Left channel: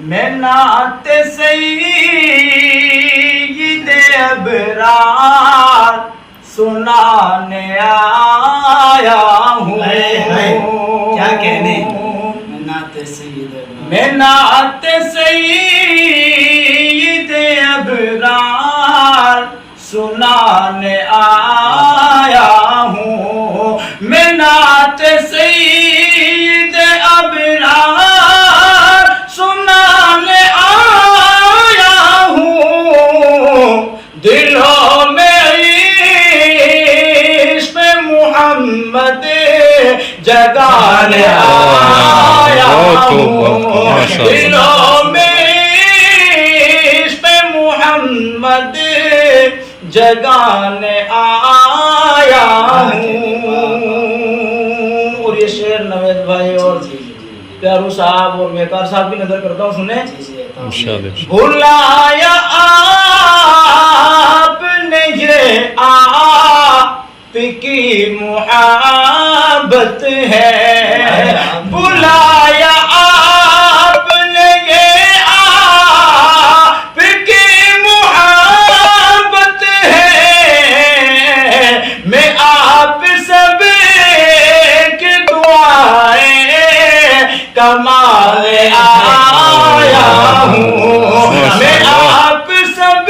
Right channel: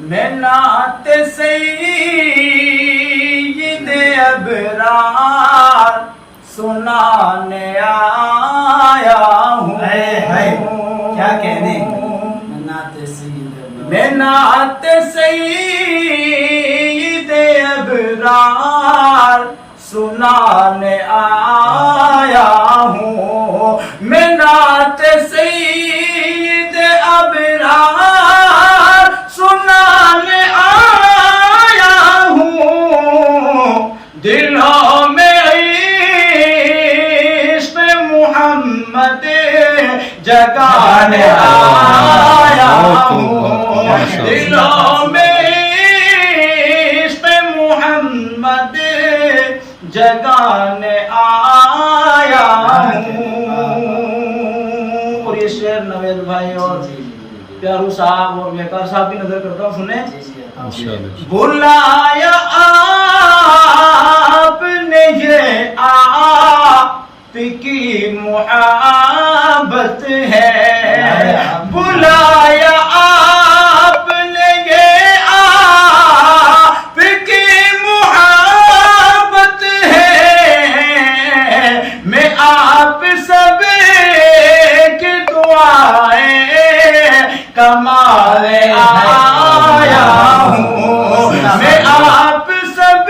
میں نعت سید ابرار سنانے آیا ہوں. کیا کہنے میں نعت سید میں نعت سید ابرار سنانے آیا ہوں. میں نعت سید ابرار سنانے آیا ہوں. دلوں میں عشق محمد جگانے آیا ہوں. دلوں میں عشق محمد جگانے آیا ہوں. اور یہ شعر نوید بھائی اور پیارو صاحب اور بیکار صاحب کی نظر کرتا ہوں, سنیں انشاءاللہ. بلایا آپ نے یہ آپ کی محبت ہے. بلایا آپ نے یہ آپ کی محبت ہے. میں آپ سب کی دعائیں کمانے آیا ہوں. میں آپ سب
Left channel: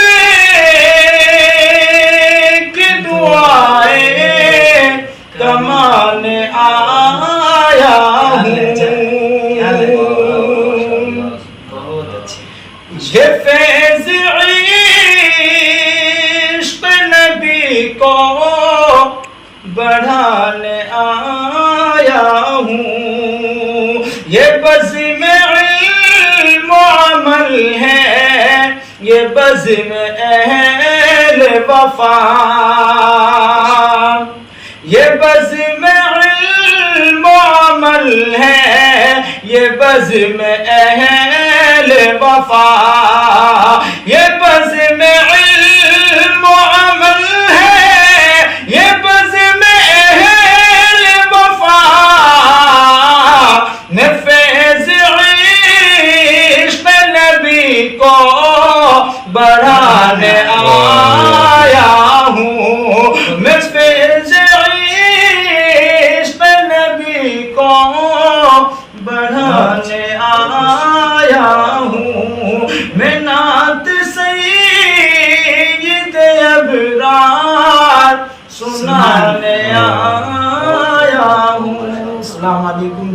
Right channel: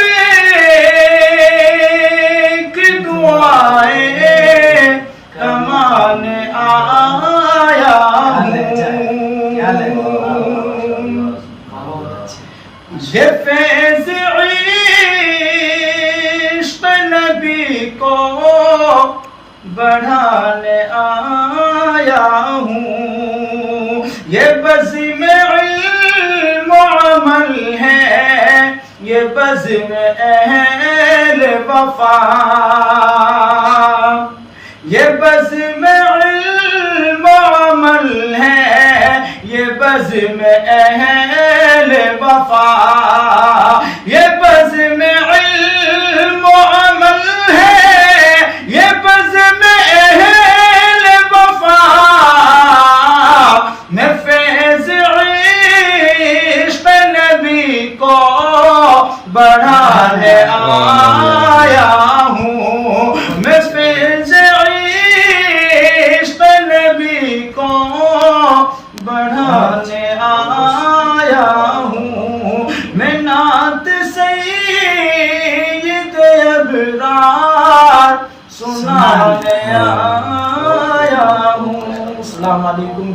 کی دعائیں کمانے آیا ہوں. بہت اچھے. یہ فیض عشق نبی کو بڑھانے آیا ہوں. یہ بزم علم و عمل ہے, یہ بزم اہل وفا. یہ بزم علم و عمل ہے, یہ بزم اہل وفا. یہ بزم علم و عمل ہے, یہ بزم اہل وفا. میں فیض عشق نبی کو بڑھانے آیا ہوں. میں فیض عشق نبی کو بڑھانے آیا ہوں. میں نعت سید ابرار سنانے آیا ہوں. السلام علیکم.